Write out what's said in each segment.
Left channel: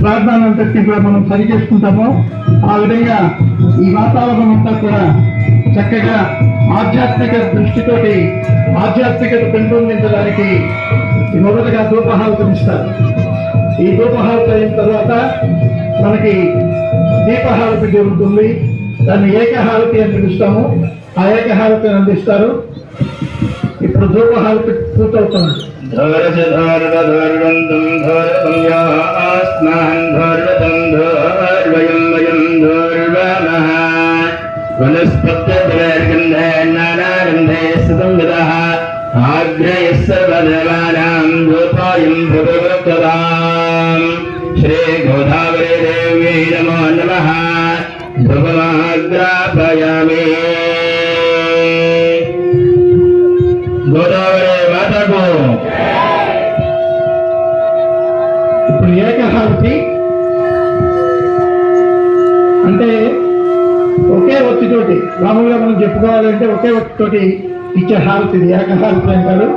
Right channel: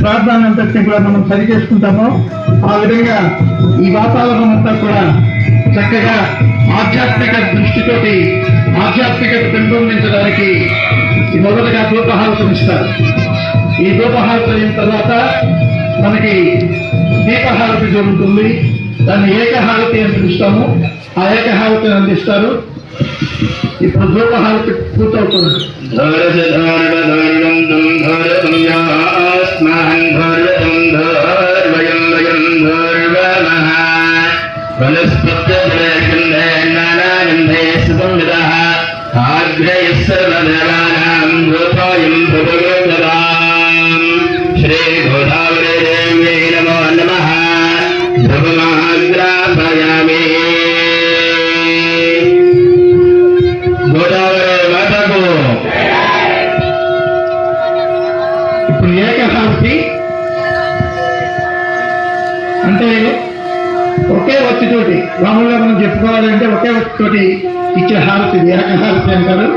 ప్రార్థనంతటిని కూడా మనం సరి చేసుకుంటామో ఆ విధంగా ఈ వాతావరణం అంతా కూడా చక్కగా ఆధ్యాత్మిక దృష్టితోటి ఆధ్యాత్మికత పెంపొందించడానికి మొదటగా ధూపహారతం ఇస్తారు. ఈ ధూపహారతి అయిన తర్వాత మనకి దీపహారతి జరుగుతుంది. దాన్ని ఏకహారతి అని పిలుస్తాము. ఆ ఏకహారతిని అందిస్తారు. ఇప్పుడు ధూపహారతి పూర్తవుతుంది. శ్రీ గోదావరి దేవి నమో నమః. ధ్రువమాగ్రాపయామి. గోదావరి మాతకు. ఇప్పుడు ఏకహారతి అంటే ఒకే ఒత్తితోటి మామూలుగా మనం చెప్పుకోవాలంటే ఒకే ఒత్తితోటి ఇచ్చే హారతి ఏకహారతి అంటారు.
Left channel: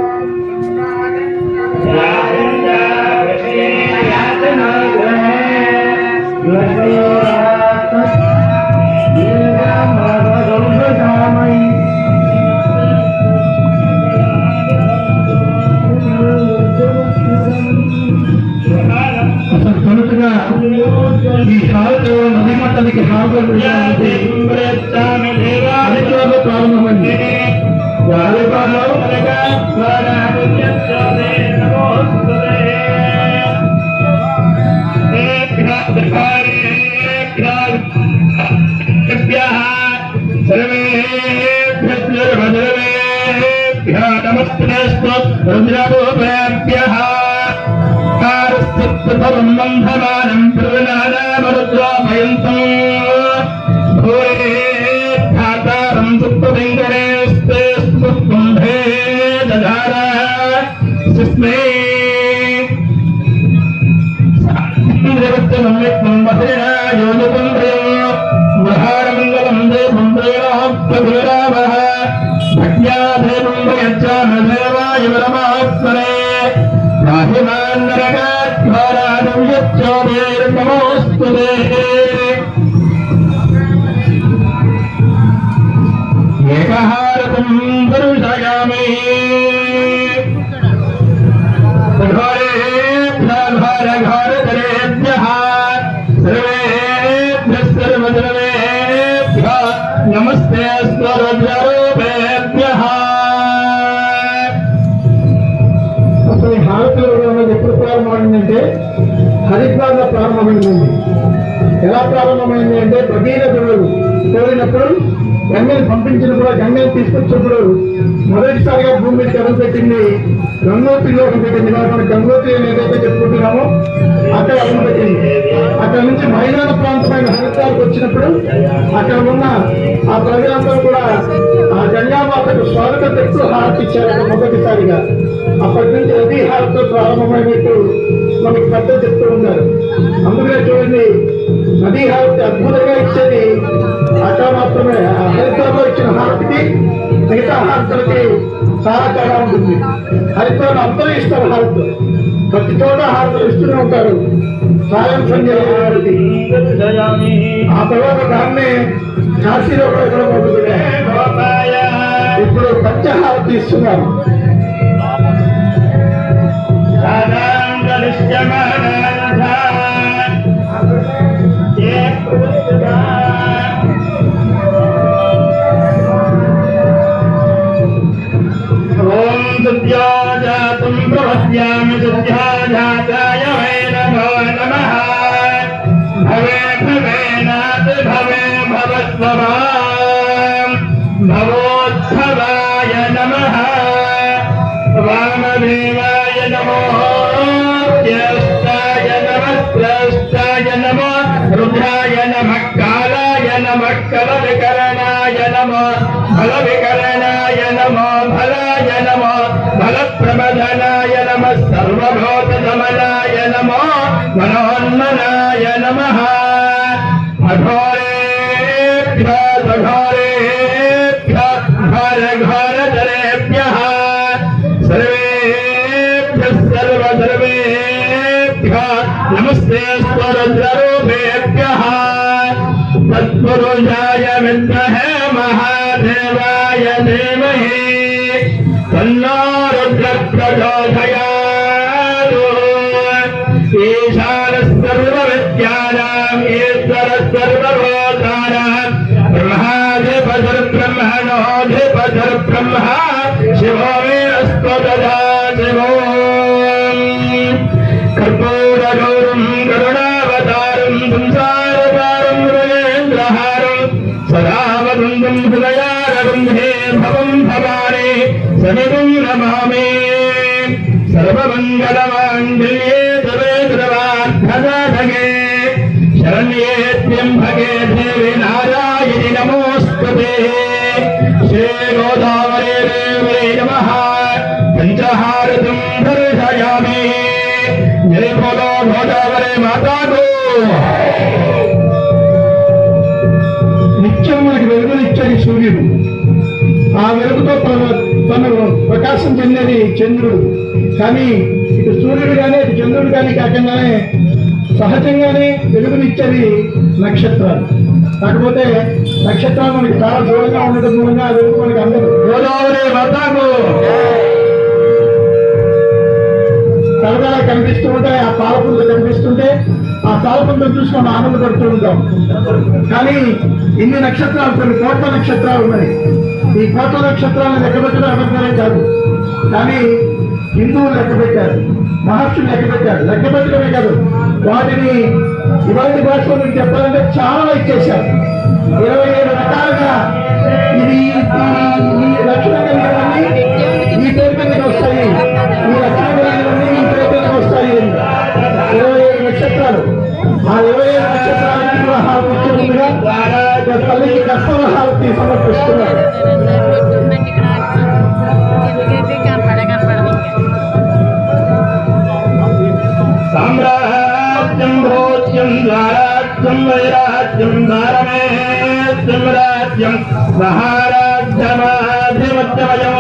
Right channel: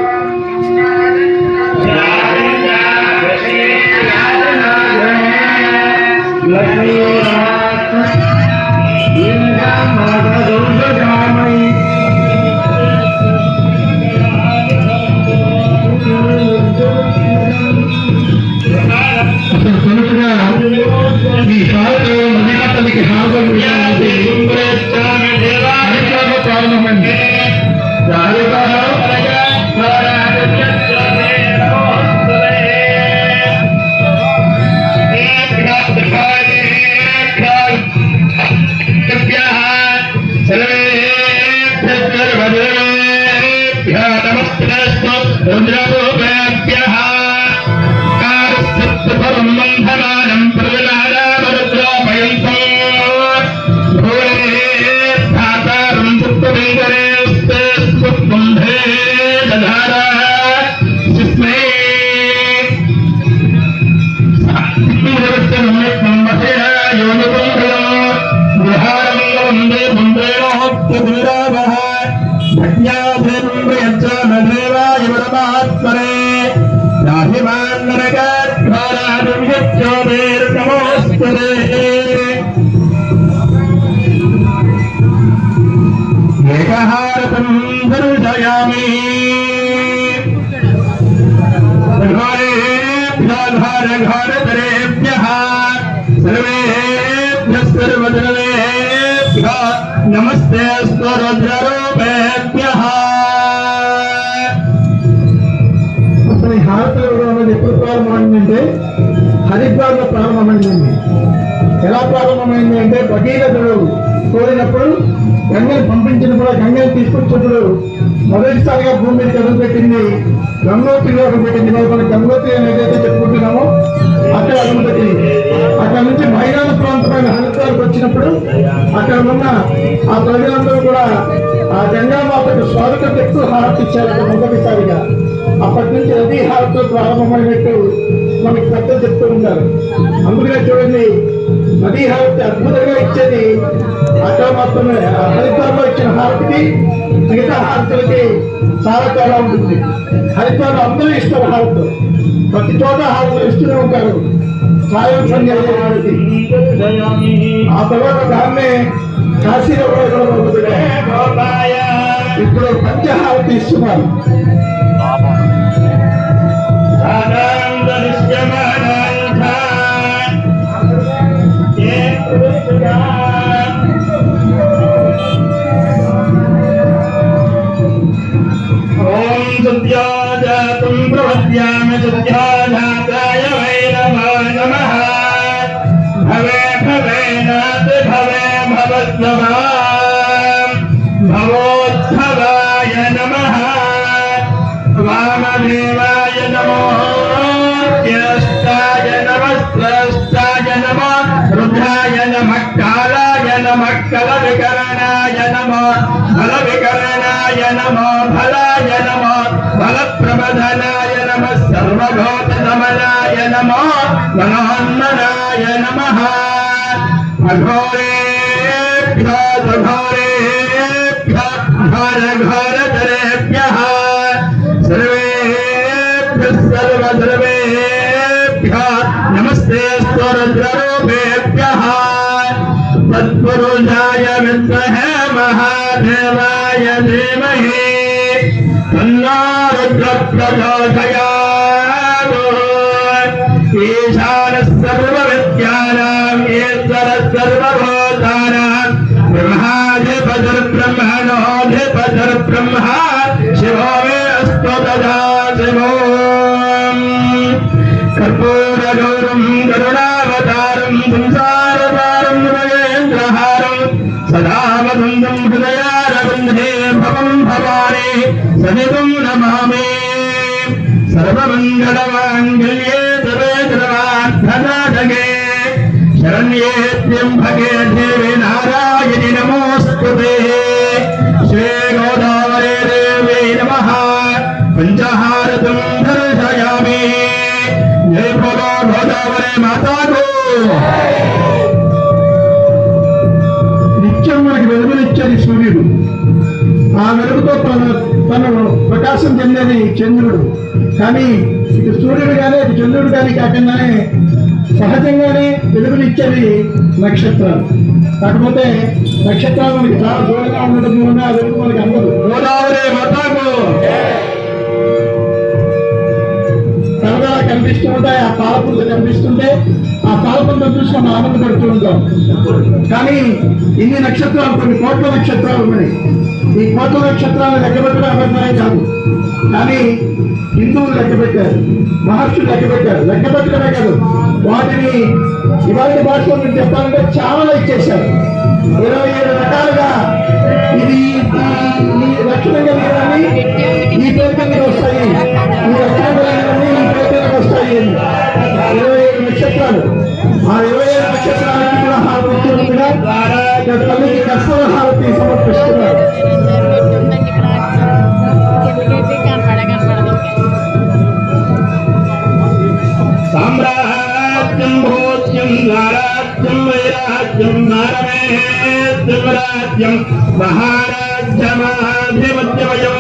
ఈ హారతి నదీమాతలకి హారతి ప్రారంభమైంది. ఏకహారతం దర్శయామి. నమస్తే స్వరుద్రరూపేభ్యః. అసలు ఈ హారతులు కూడా ఎప్పుడు ప్రారంభమైందంటే హరిద్వార్లో ప్రారంభమైందండి. ఎలా ప్రారంభమైంది అంటే భగీరథుడు కోరినప్పుడు గంగని పంపించిన కూడా గంగని తీసుకొచ్చినప్పుడు మొదటిసారిగా భూమి మీద కడుగు పెట్టింది గంగోత్రిలో పెట్టింది. మనం గంగోత్రి అని ఏదైతే చెప్పుకుంటున్నామో అక్కడ అడుగు పెట్టింది. అక్కడ నుంచి మైదాన ప్రాంతమైన హరిద్వార్కి వచ్చినప్పుడు అక్కడ ఉన్న ఆ ప్రజలందరూ కూడా ఆ గంగామాతకు స్వాగత పెట్టు హారతి ఇచ్చారు మొదటిసారిగా. అప్పటి నుంచి నదీ హారతితో ప్రారంభమైనట్టు మనకి పెద్ద చెప్తూ ఉంటారు. అందుకనే చూడండి, నదీ హారతి అద్భుతంగా ఇచ్చేది అక్కడ మాత్రమే. హరిద్వార్లో ఇచ్చిన హారతికి మిగతా హారతులకి చాలా తేడా ఉంటుంది. హరిద్వార్లో అందరూ ఇస్తారు హారతి, ప్రతి చోట హారతులు ఇస్తూనే ఉంటారు. సాయం సంధ్య హారతి. ఆ తర్వాత దాన్నే కాశీలో కూడా ఇప్పుడు పంచహారతి ఇస్తున్నారు. భవోద్భవాయ నమః. వామదేవాయ నమో. జ్యేష్ఠాయ నమః. శ్రేష్ఠాయ నమః. రుద్రాయ నమః. కాలాయ నమః. కలవికరణాయ నమః. బలవికరణాయ నమః. బలాయ నమః. బలప్రబధనాయ నమః. సర్వభూతదమనాయ నమః. మనోన్మనాయ నమః. అఘోరేభ్యో ఘోరేభ్యో ఘోరఘోరతరేభ్యః సర్వేభ్యః సర్వసర్వేభ్యో नमस्ते रुद्ररूपेभ्यः तत्पुरुषाय विद्महे महादेवाय धीमहि तन्नो रुद्रः प्रचोदयात् ईशानः सर्वविद्यानां ईश्वरः सर्वभूतानां ब्रह्माधिपतिर्ब्रह्मणोऽधिपतिर्ब्रह्मा शिवो मे अस्तु तथा शिवो कर्पूरगौरं करुणावतारं संसारसारं भुजगेन्द्रहारं सदा वदन्तं हृदयारविन्दे भवं भवानि सहितं नमामि सर्वमङ्गलमाङ्गल्ये तवे सर्वार्थसाधके शरण्ये त्र्यम्बके देवी नारायणि नमोऽस्तुते श्रीगोदावरी देवी नमः पञ्चहारतं दर्शयामि जय बोलो गोदावरी माता को నిత్యం మనకి వెలుగునిచ్చేది సూర్యుడు. ఆ వెలుగుతో తను ప్రకాశం చెందేది చంద్రుడు. కానీ ఇటు సూర్యుడు కానీ ఇటు చంద్రుడు కానీ కాకుండానే సహజంగానే వెలుగునిచ్చేది నక్షత్రాలు. కాకపోతే నక్షత్రాలు మనకి చాలా దూరంగా ఉండటం మూలంగా ఆ వెలుగు మనకి అందదు. గోదావరి మాతాకు తరగా కనిపిస్తూ ఉంటాయి, ఆ పాలపుంత కనిపిస్తుంటే ఆ పాలపుంతం చూసి మనం ఆనందపడుతూ ఉంటాం. కానీ ఇన్ని నక్షత్రాలు, కొన్ని కోట్ల నక్షత్రాలు ఉన్నాయి. ఈ కోట్ల నక్షత్రాలను లెక్కబెట్టడం అబద్ధమే కాదు. కానీ హిందువులు లెక్క పెట్టారు, మహర్షులు లెక్క పెట్టారు. లెక్క పెట్టడమే కాదు, వాటిని ఇవాళ భాషలో మీకు చెప్పాలంటే చాలా ఇచ్చేశారు. 27 రకాలుగా ఇది ఈ లక్షణం కలిగినవన్నీ ఈ పేరుకి వస్తాయి, ఈ లక్షణం కలిగినవన్నీ ఈ పేరుకి వస్తాయి. 27 నక్షత్రాలు. ఆ 27 నక్షత్రాలకి కూడా హారతిగా తల్లికి కర్తవ హారతి సమర్పిస్తున్నారు. సామ్రాజ్యం భోజ్యం ద్వారాజ్యం వైరాజ్యం భారమేత్యం రాజ్యం మహారాజ్యమాధిపత్యమయం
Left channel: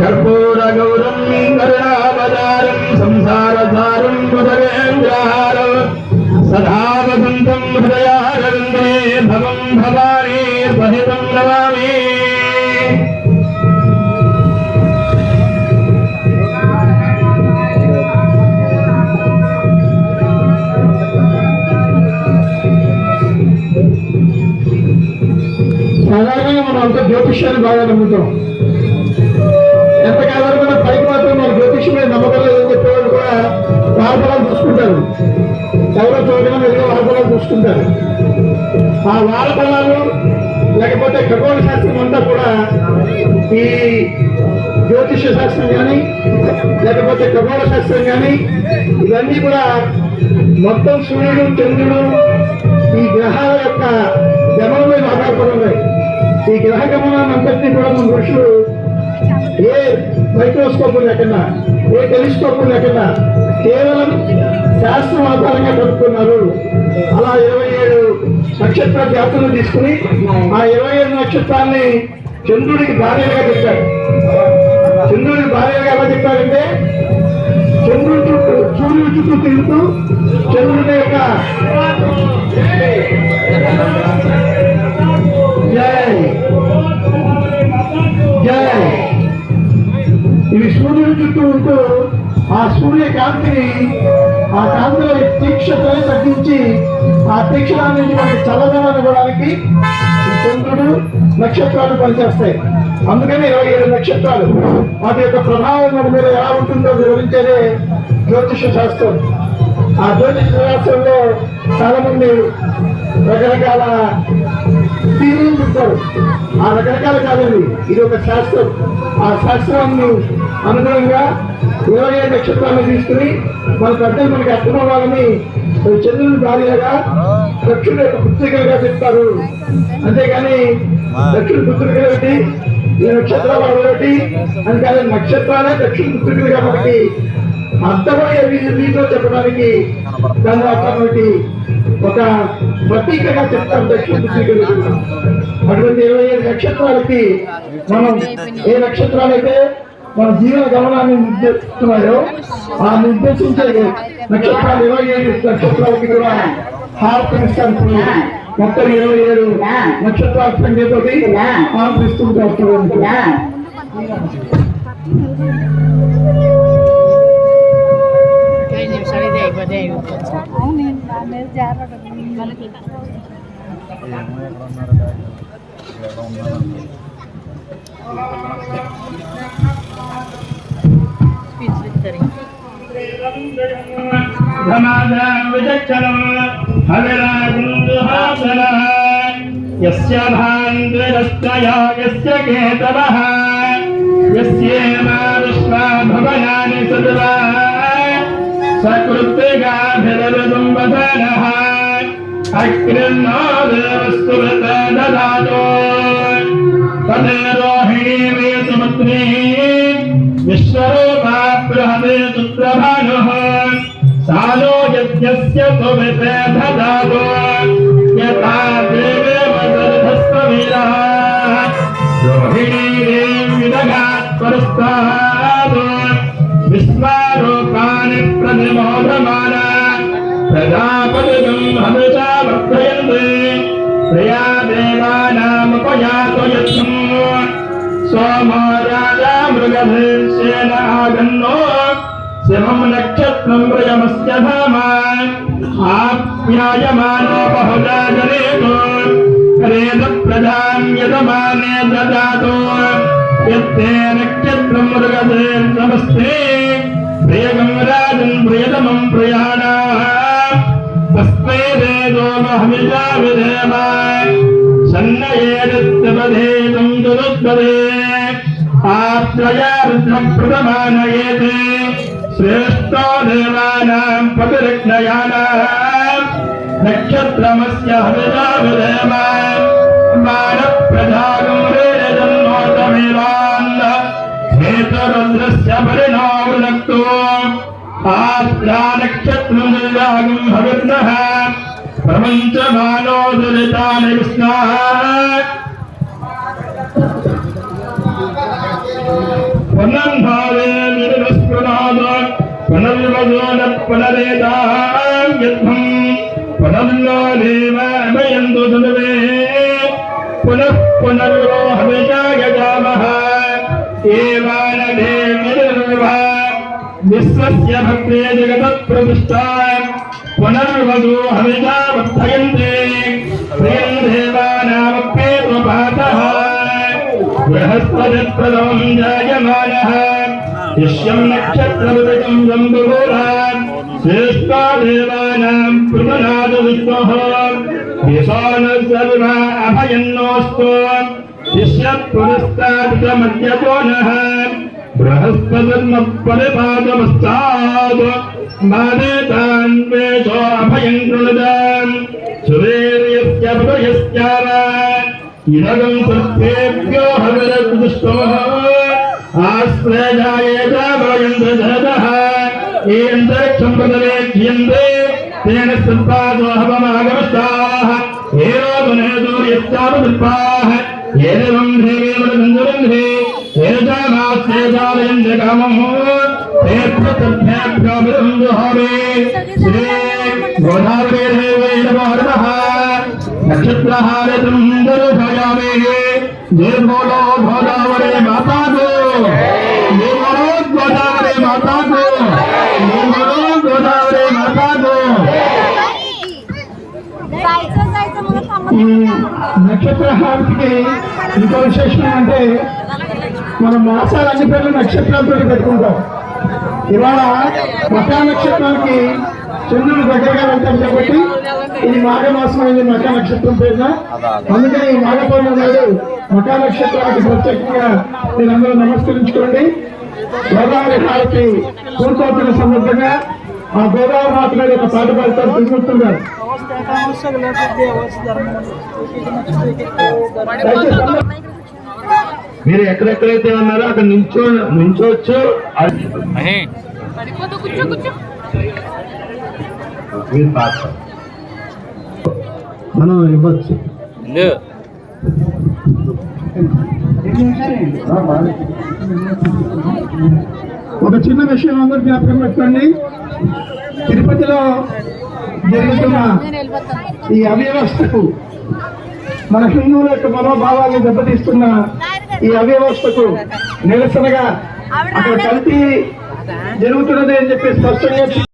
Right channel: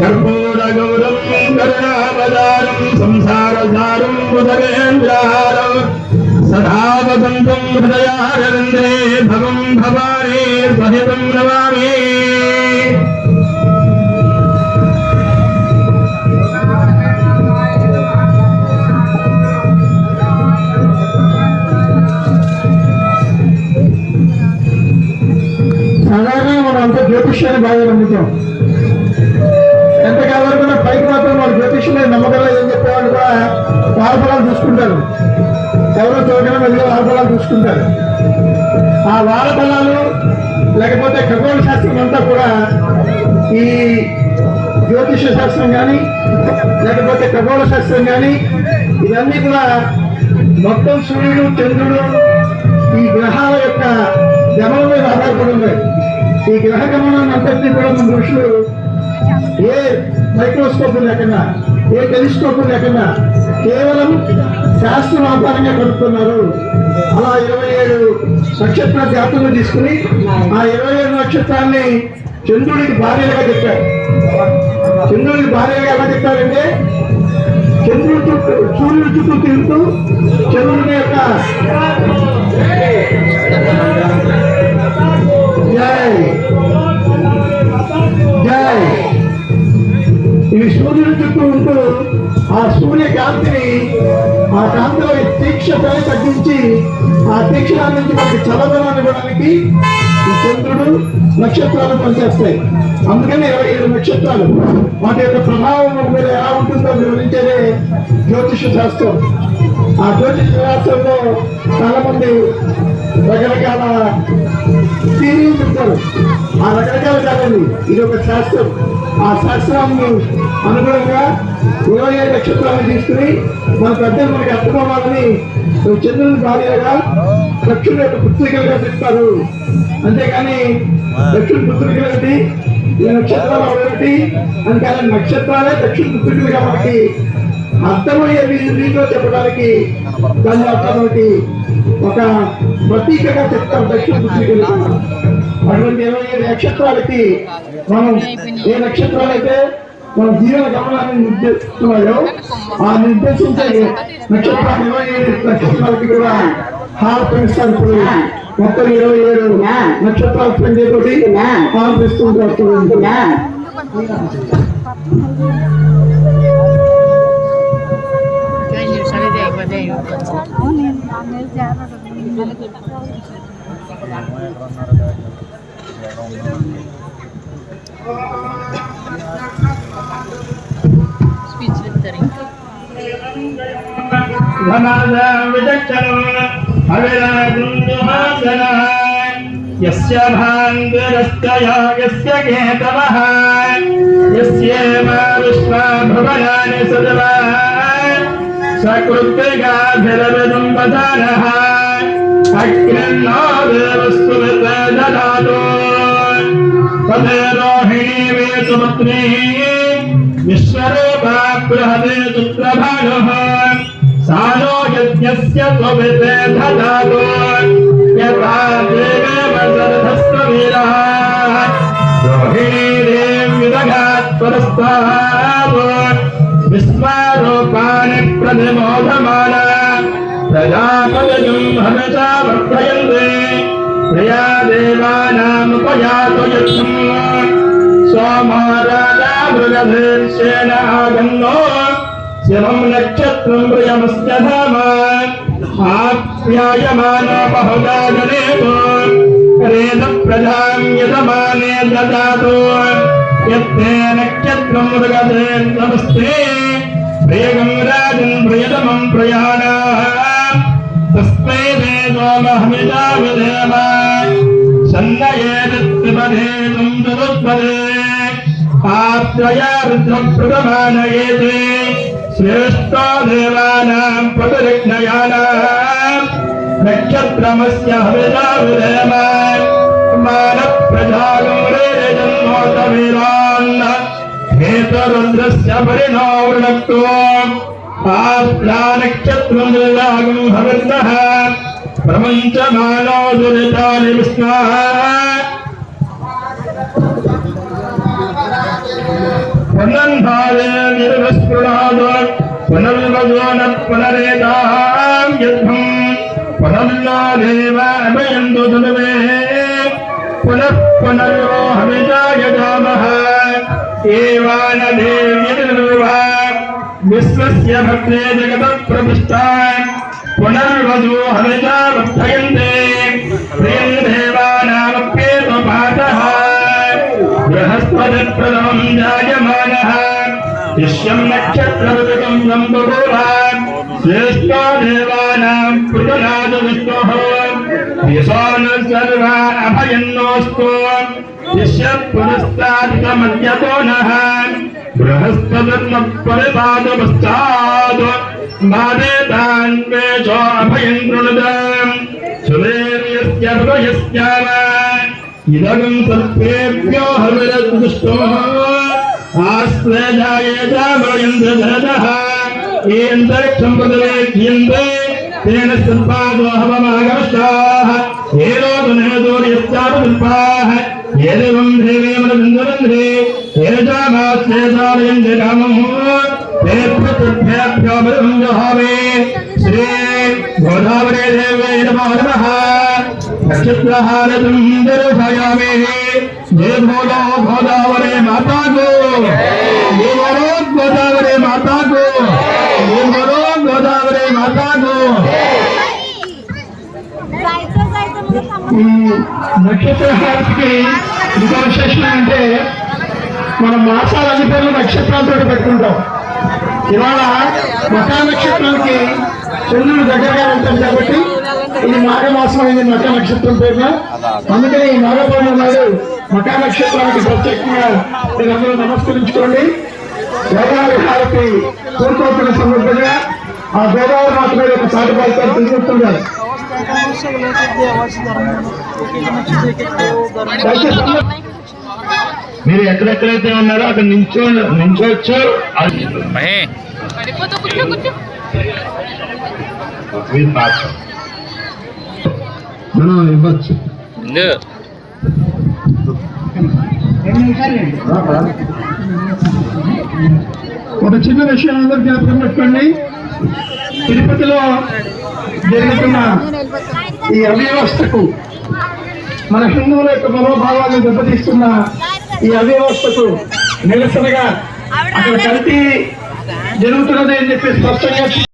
కర్పూరగౌరం కరుణావతారం సంసారసారం భుజగేంద్రహారం సదా వసంతం హృదయారవిందే భవం భవాని సహితం నమామి సాధారణంగా మనం అంత జ్యోతిష్యాన్ని బాగా నమ్ముతాం. ఎంతకాలం వరకు పైకి మాత్రం మన జ్యోతిష్యం మీద నమ్మకంలో ఏం చెప్పేవాళ్ళు కూడా వారఫలాలు చూసుకుంటారు. ఎవరో చూడడం వెళ్ళి వారఫలాలు చూసుకుంటారు. ఆ వారఫలాలు లేకపోతే ఖగోళ శాస్త్రం అంతా కూడా ఈ జ్యోతిష శాస్త్రం కానీ లేకపోతే ఖగోళ శాస్త్రం కానీ ఇవన్నీ కూడా మొత్తం సూర్యుడు, చంద్రుడు, ఈ గ్రహాల యొక్క గమనం మీద ఆధారపడి ఉన్నాయి. ఈ గ్రహ గమనాన్ని అంతటినీ కూడా మన ఋషులు ఏ మైక్రోస్కోప్ లేకుండా, ఏ టెలిస్కోప్ లేకుండా కేవలం శాస్త్రం ఆధారంగా కనుక్కున్నారు. అలా 27 నక్షత్ర జాతులను తీసుకుని ఆ 27 నక్షత్రాన్ని చంద్రుడికి భార్యగా చెప్పారు. చంద్రుడికి భార్యగా ఎలా చెప్పారంటే చంద్రుడి చుట్టూ, సూర్యుడి చుట్టూ తిరుగుతూ చంద్రుడి యొక్క ఇవి సూర్యుడి చుట్టూ ఉంటూ ఆ సూర్య కాంతిని, ఆ కాంతిలో తీక్షతని తగ్గించి ఆ తీక్షణాన్ని నుంచి మనకి చల్లదనాన్ని ఇవ్వడానికి ఈ చంద్రుడు, నక్షత్రాలు పనిచేస్తాయి. అందుకని 27 నక్షత్రాలు వాటి యొక్క ప్రభావం మన మీద ఎలా ఉంటుందో వివరించేదే జ్యోతిష శాస్త్రం. ఆ జ్యోతిష శాస్త్రంలో చాలా మంది రకరకాల థీరీలు చెప్తారు. ఆ రకరకాలు కాదండి, ఇది ఒక శాస్త్రం. ఆ శాస్త్రాన్ని అనుగుణంగా 27 నక్షత్రాలను తీసుకుని మన పెద్దలు మనకి అర్థమవ్వాలని చంద్రుని భార్యగా దక్షుడు యొక్క పుత్రికలుగా చెప్తారు. అంతేకాని దక్షుడు పుత్రికలు ఏమిటి, నక్షత్రాలు ఒకటి అని కాదు, నక్షత్రాలే దక్షుడు పుత్రికలు కాబట్టి అర్థమయ్యే వీధిలో చెప్పడానికి దాని కాబట్టి ఒక ప్రతీకగా చెప్తారు దక్షిణ పుత్రికలు. అటువంటి 27 నక్షత్రాలకి మనం ఏ నక్షత్రాలైతే మన జీవన గమనాన్ని నిర్దేశిస్తున్నాయో ఆ నిర్దేశించే నక్షత్రాలు 27 నక్షత్రాలకి కూడా హారతిస్తారు. ఇప్పుడు మొత్తం 27 నక్షత్రాల సంఖ్యతోటి ఆనందిస్తుంటారు. స్పీచ్ విత్తరి यस्य भान्तिरस्तया यस्य केतवः यस्येमादुष्मा भवनानि सदला सकृत्तिकाभिरविदं वदनः अग्निर्नो देवस्तुवते ददातु तदेरोहिणी सुपुत्री विश्वरूपा बृहते चित्रभानुः सानो यज्ञस्य त्वमिते ददातु यथा देवे वसरधस्त्ववीरः रोहिणी देवीरगात्परस्तात् विश्वारूपाणि प्रतिमोदमाना प्रजापतिं हविषा वर्धयन्ति प्रिया देवानामुपयातु यत्नम् सोमो राजा मृगधीर्षेण आगन्नो शिवं नक्षत्रं प्रियमस्य धाम आप्यायमानो बहुधा जनेतो रेद प्रजां यजमाने ददातु यत्ते नक्षत्रं मृगधीर्नमस्ते प्रियं राजं प्रियतमं प्रयाणा तस्मै वेदोमहमिता विधेम सन्नयेदित्यपदेशं दुरुद्भवे आत्रया रुद्रप्रथमानयेते श्रेष्ठो देवानां प्रतिरक्षयानां नक्षत्रमस्य हविता विधेम मानप्रजागं रेजन्मोतमीरान् हेतुरुद्रस्य परिणावृणक्तो आत्रा नक्षत्रं निर्वागं भवन्नः प्रपञ्चमानो दुरितानि विष्णाः पुनर्भावे निर्विस्फुराद पुनर्वजोनत् पुनरेतां यद्भं पुनर्यो देव अभयन्तु धनुवे पुनः पुनर्यो हविषा यजामः एवानदेर्निर्वा विश्वस्य भक्ते जगतप्रतिष्ठा पुनर्वजो हविषा वर्धयन्ते प्रेम देवानामप्येतपातः बृहस्पतिप्रथमं जायमानः शिष्यं नक्षत्रवृतं सम्बुरान् श्रेष्ठो देवानां पृथुनाद विष्णुः दिशानः सर्वा अभयन्नोऽस्तु शिष्यपुरस्तादितमद्यतो नः बृहस्पतिर्मपरिपादपश्चात् बाधेतान्वेषो अभयं कृणुदाम् सुदेव्यस्य प्रयस्याम इदगं सर्पेभ्यो हविरदुष्टो आश्रयायेतावयन्द्रधरतः एन्तरिक्षं पदनेभ्यन्ते तेन सर्पादो हवमागमस्ताः एरोदनेदोर्यश्चापदर्पाः एवं देवेन्द्रचन्द्ररन्ध्रे एजामास्येतावयन्ते कामम् तेभ्यो बलं जहावे श्री गोदावरी देवे नमः नक्षत्रहारतं दर्शयामि जय बोलो गोदावरी माता को जय बोलो गोदावरी माता को जय बोलो गोदावरी माता को ఈ నక్షత్ర హారతికి ఇంకో విశేషం అంటే మనం మాసాలన్ని పేర్లు నక్షత్రాలతో పెట్టుకుంటాం. ఇవాళ మకా నక్షత్రానికి చంద్రుడు దగ్గరగా ఉంటాం కాబట్టి ఇది మాఘమాసం అయింది మకా నక్షత్రం పేరున. అందుకని ఈ మాఘ పౌర్ణమి నాడు మకా నక్షత్రానికి ప్రత్యేకంగా మీరందరూ నమస్కరించుకోండి. గోదావరి హారతి పూర్తవుతున్న సందర్భంగా ఆ గోదావరి మాత మీద ఒక పాట పాడతారు తెలుగుతున్నారు. మీరు ఎక్కడెక్కడైతే ఉన్నారో అక్కడ నించోవచ్చు. మనం ఇవ్వచ్చు. ఒక చిన్న విషయం అందరూ జ్ఞాపకం పెట్టుకోండి. తిరుపతిలో జరుగుతున్న ఈ అవ్యవస్థకు, మన హిందువుల యొక్క మనోభావాలను దెబ్బతీస్తున్న ఈ అవ్యవస్థకు నిరసనగా అక్కడ కల్తీ జరుగుతున్నది అని చెప్పి స్పష్టంగా